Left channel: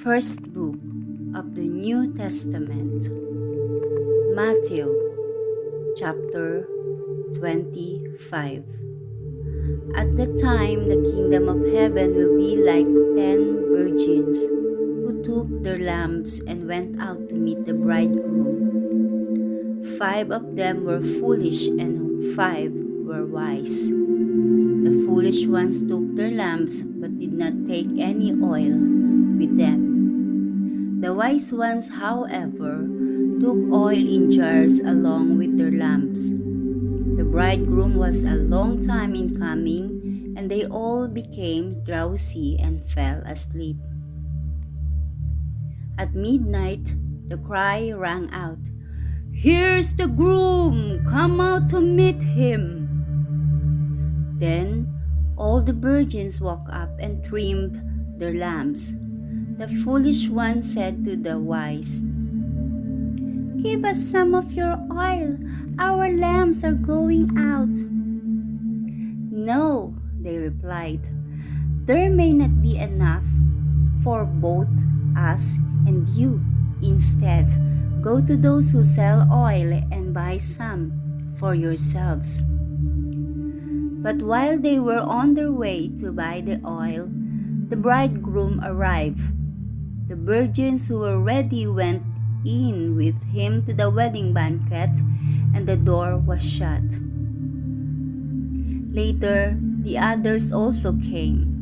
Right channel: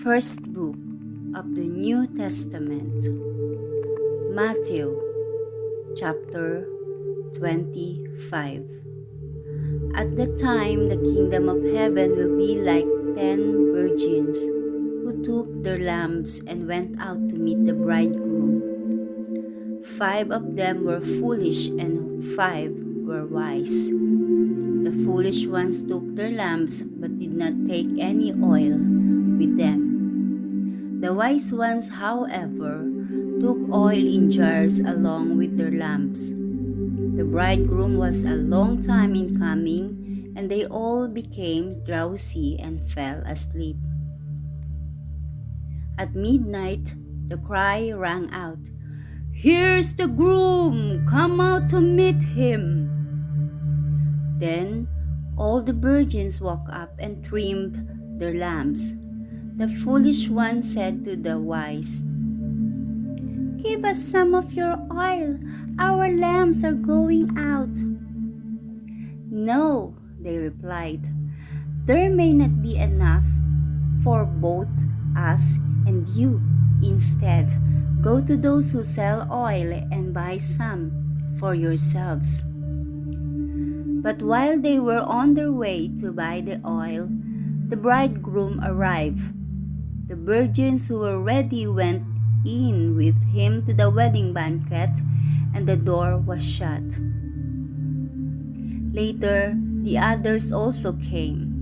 First book of the New Testament, Matthew chapter 25. At the time, the kingdom of heaven will be like 10 virgins who took their lamps and went out to meet the bridegroom. 5 of them were foolish and 5 were wise. The foolish ones took their lamps but did not take any oil with them. The wise ones, however, took oil in jars along with their lamps. The bridegroom was a long time in coming, and they all became drowsy and fell asleep. At midnight, the cry rang out, "Here's the groom! Come out to meet him!" Then all the virgins woke up and trimmed their lamps. The foolish one said to the wise, "Give us some of your oil. Our lamps are going out." "No," they replied. "There may not be enough for both us and you. Instead, go to those who sell oil and buy some for yourselves." But while they were on their way to buy the oil, the bridegroom arrived. The virgins who were ready went in with him to the wedding banquet, and the door was shut. Later, the others also came.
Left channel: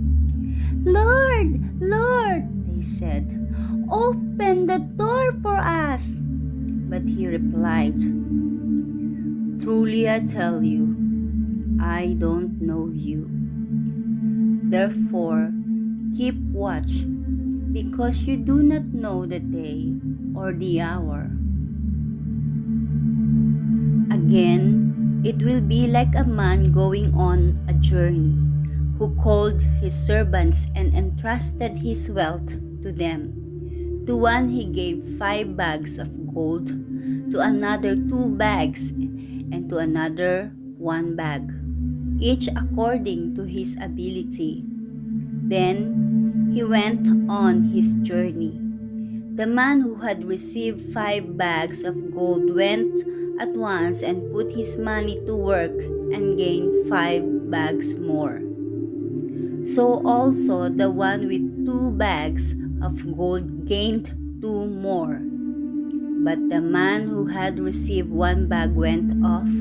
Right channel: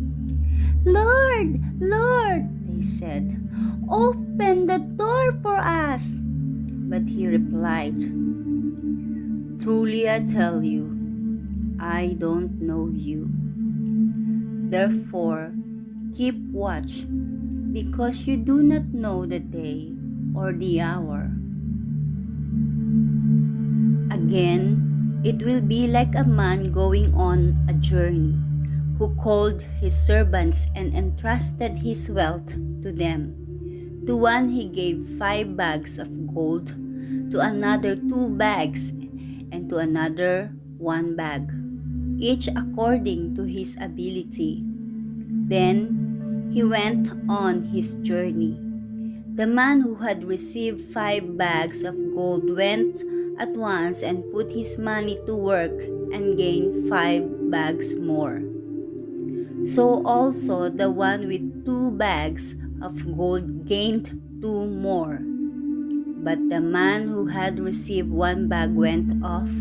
"Lord, Lord," they said, "open the door for us." But he replied, "Truly I tell you, I don't know you. Therefore, keep watch, because you do not know the day or the hour." Again, it will be like a man going on a journey, who called his servants and entrusted his wealth to them. To one he gave 5 bags of gold, to another 2 bags, and to another 1 bag, each according to his ability. Then he went on his journey. The man who had received 5 bags of gold went at once and put his money to work and gained 5 bags more. So also the one with 2 bags of gold gained 2 more. But the man who had received 1 bag went off,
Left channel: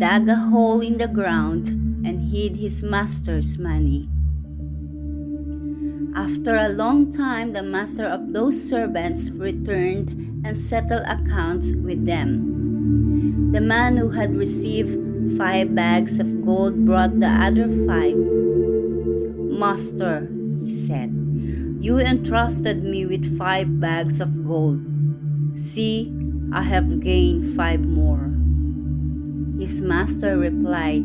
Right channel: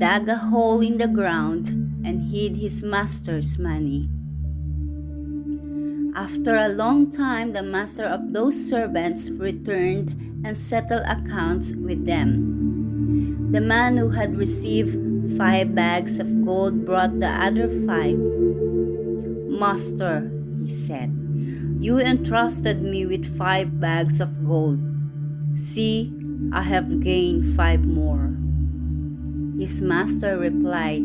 dug a hole in the ground, and hid his master's money. After a long time, the master of those servants returned and settled accounts with them. The man who had received 5 bags of gold brought the other 5. "Master," he said, "you entrusted me with 5 bags of gold. See, I have gained 5 more." His master replied,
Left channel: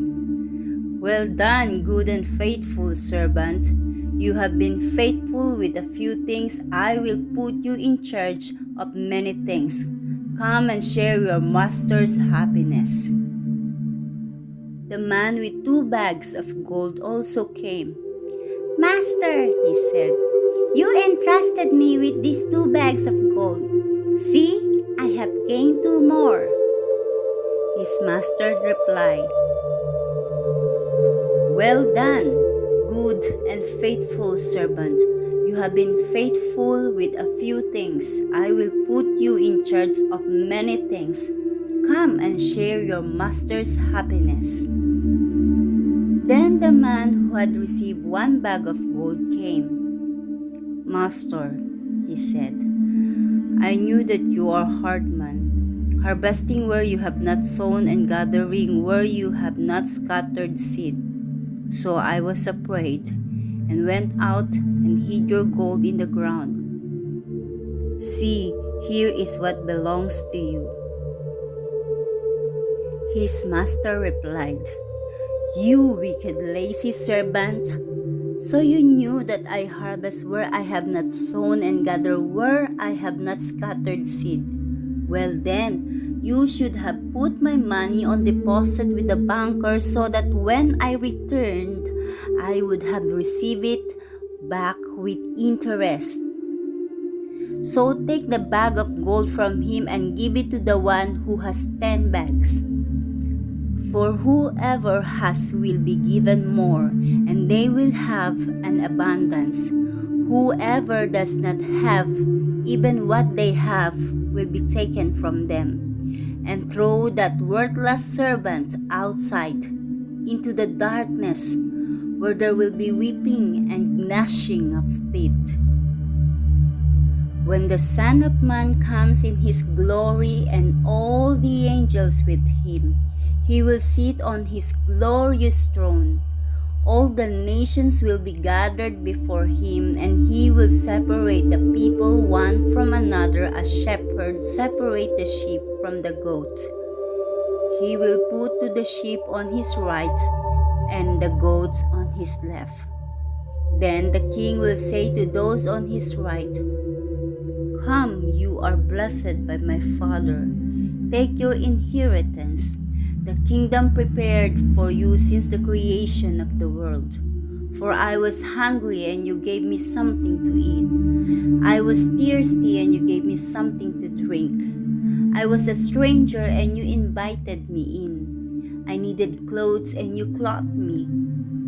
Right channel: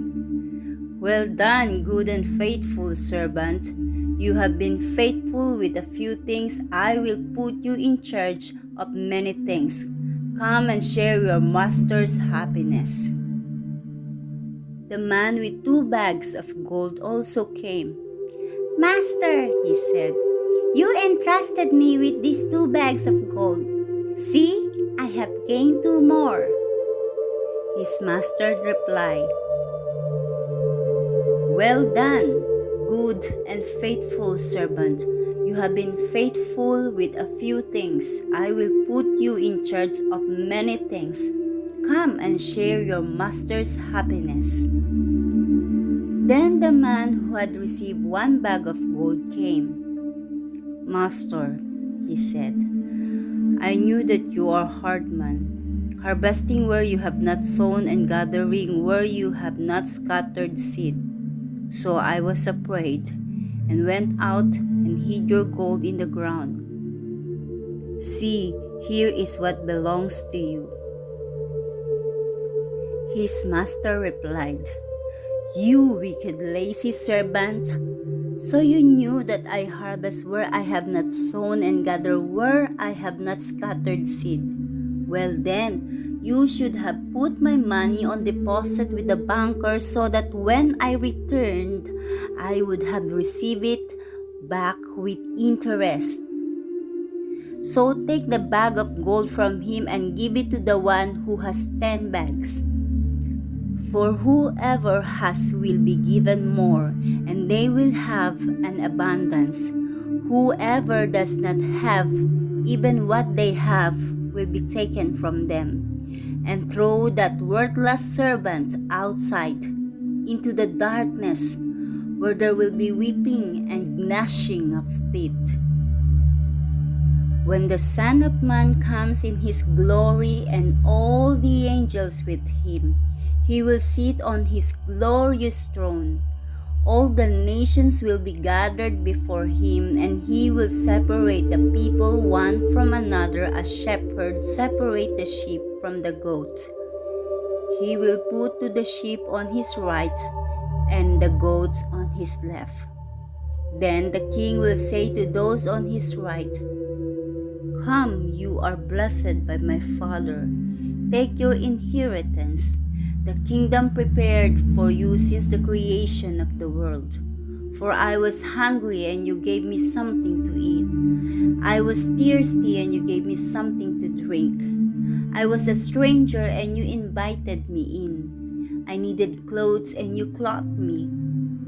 "Well done, good and faithful servant. You have been faithful with a few things. I will put you in charge of many things. Come and share your master's happiness." The man with 2 bags of gold also came. "Master," he said, "you entrusted me with these 2 bags of gold. See, I have gained 2 more." His master replied, "Well done, good and faithful servant. You have been faithful with a few things. I will put you in charge of many things. Come and share your master's happiness." Then the man who had received 1 bag of gold came. "Master," he said, "I knew that you are a hard man, harvesting where you have not sown and gathering where you have not scattered seed. So I was afraid and went out and hid your gold in the ground. See, here is what belongs to you." His master replied, "You wicked, lazy servant! So you knew that I harvest where I have not sown and gather where I have not scattered seed. Well then, you should have put my money on deposit with the banker, so that when I returned, I would have received it back with interest. So take the bag of gold from him and give it to the one who has 10 bags. For whoever has will be given more, and they will have an abundance. Whoever does not have, even what they have will be taken from them. And throw that worthless servant outside into the darkness, where there will be weeping and gnashing of teeth. When the Son of Man comes in his glory and all the angels with him, he will sit on his glorious throne. All the nations will be gathered before him, and he will separate the people one from another as shepherds separate the sheep from the goats. He will put to the sheep on his right and the goats on his left. Then the king will say to those on his right, "Come, you are blessed by my Father. Take your inheritance, the kingdom prepared for you since the creation of the world. For I was hungry, and you gave me something to eat. I was thirsty, and you gave me something to drink. I was a stranger, and you invited me in. I needed clothes, and you clothed me.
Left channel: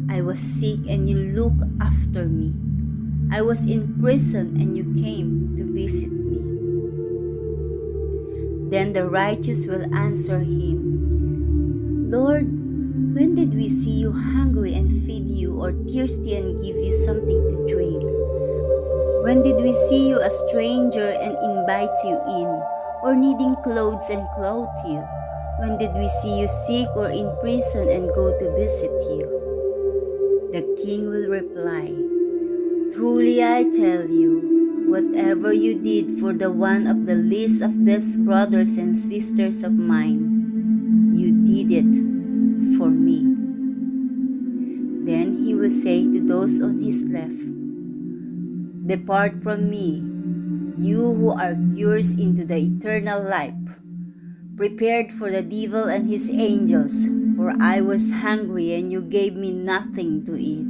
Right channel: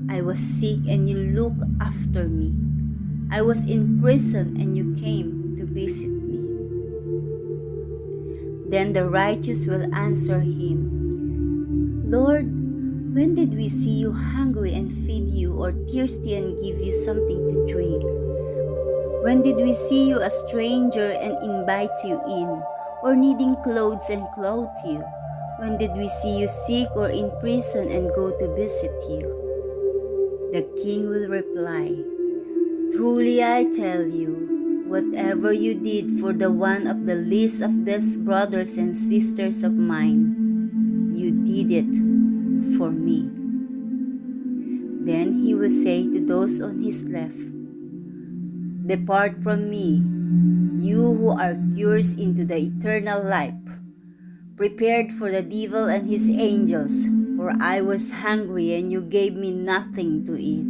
I was sick, and you looked after me. I was in prison, and you came to visit me." Then the righteous will answer him, "Lord, when did we see you hungry and feed you, or thirsty and give you something to drink? When did we see you a stranger and invite you in, or needing clothes and clothe you? When did we see you sick or in prison and go to visit you?" The king will reply, "Truly I tell you, whatever you did for the one of the least of these brothers and sisters of mine, you did it for me." Then he will say to those on his left, "Depart from me, you who are cursed, into the eternal life, prepared for the devil and his angels. For I was hungry, and you gave me nothing to eat.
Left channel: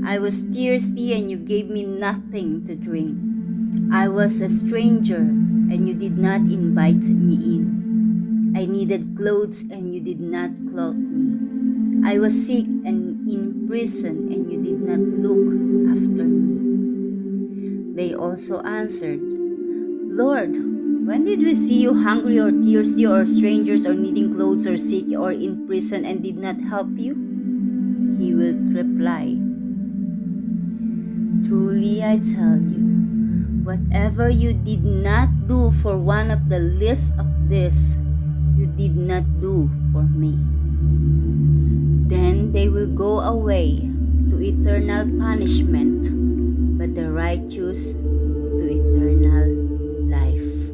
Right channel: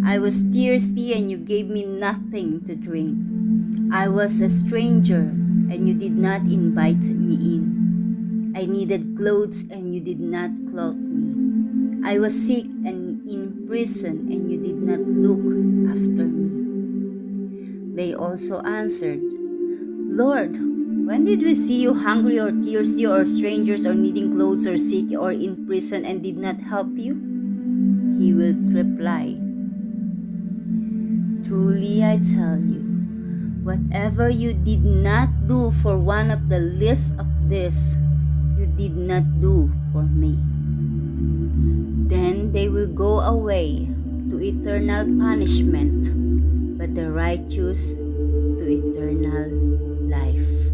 I was thirsty, and you gave me nothing to drink. I was a stranger, and you did not invite me in. I needed clothes, and you did not clothe me. I was sick and in prison, and you did not look after me." They also answered, "Lord, when did we see you hungry or thirsty or strangers or needing clothes or sick or in prison and did not help you?" He will reply, "Truly I tell you, whatever you did not do for one of the least of these, you did not do for me." Then they will go away to eternal punishment, but the righteous to eternal life.